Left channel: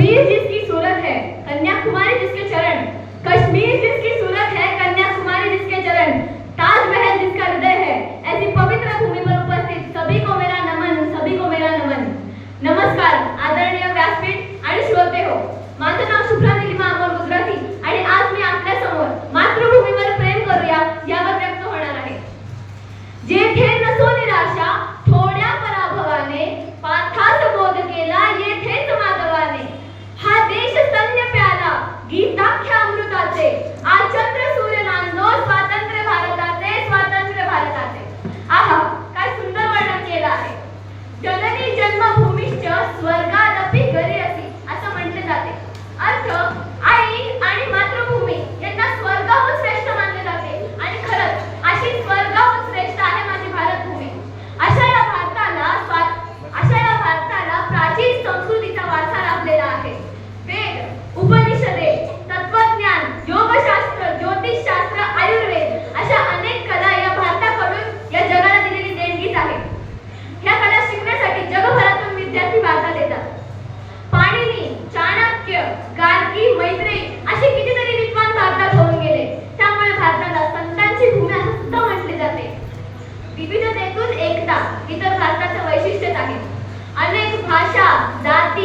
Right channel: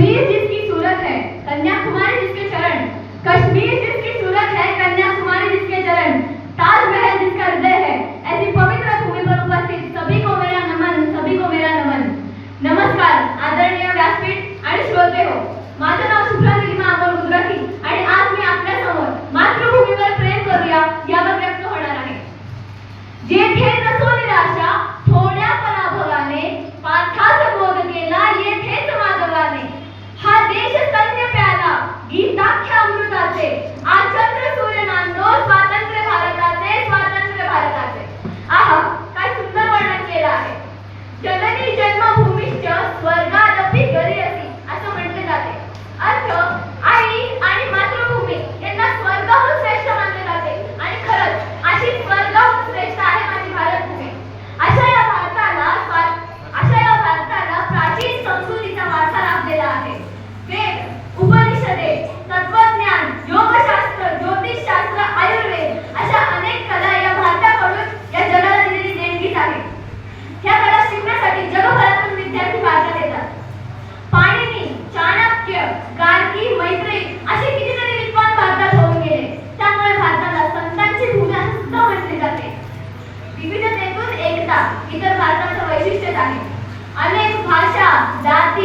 कश्मीर जिसकी सूरत है, कन्याकुमारी जिसके चरण, कश्मीर जिसकी सूरत है, कन्याकुमारी जिसके चरण, ताजमहल जिसका हृदय है, ऐसी पवित्र भूमि पर उपस्थित सभी को मेरा नमन, सभी को मेरा नमन। नमस्कार आदरणीय व्यासपीठ आणि श्रोते हो, माझं नाव शुभ्रा निलिमा अमोल गुजराती आणि आज मी आपल्या समोर मातृभूमीवर प्रेम करूया यावर व्यक्त होणार आहे। जेथे नसो निराशा थोड्या पराभवाने, पार्थास बोध केला येथेच माधवाने, हा देश सैन्य प्याला गीताख्या अमृताचे, आज चंद्र सूर्य नांदो स्वातंत्र्य भारताचे, स्वातंत्र्य भारताचे। आहा, काय सुंदर वर्णन केलं आहे। जननी जन्मभूमीश्च स्वर्गादपि गरीयसी असं म्हटले जाते। अर्थ, आई आणि मातृभूमी यांना स्वर्गाहून श्रेष्ठ मानले जाते आणि खरंच अशी स्वर्गाहून श्रेष्ठ आहे माझी भारतभूमी। अशा या भारताला प्राचीन संस्कृतीचा वारसा लाभलेला आहे। वेद, उपनिषदे, तत्वज्ञान, योगशास्त्र, ज्योतिषशास्त्र, आयुर्वेद अशा अनेक कला या भारताकडून या जगाला दिलेली देणगीच आहे। ह्या कला शिकण्यासाठी जगभरातून विद्यार्थी भारतात येतात। पाणिनी, चाणक्य, गार्गी, मैत्रेयी असे कितीतरी विद्वान भारतात होऊन गेले। त्यामुळे भारताला संतांची भूमी असं सुद्धा म्हटले जाते। विविधतेतून एकता इतर भारताचं वैशिष्ट्यच आहे। अनेक भाषा, जाती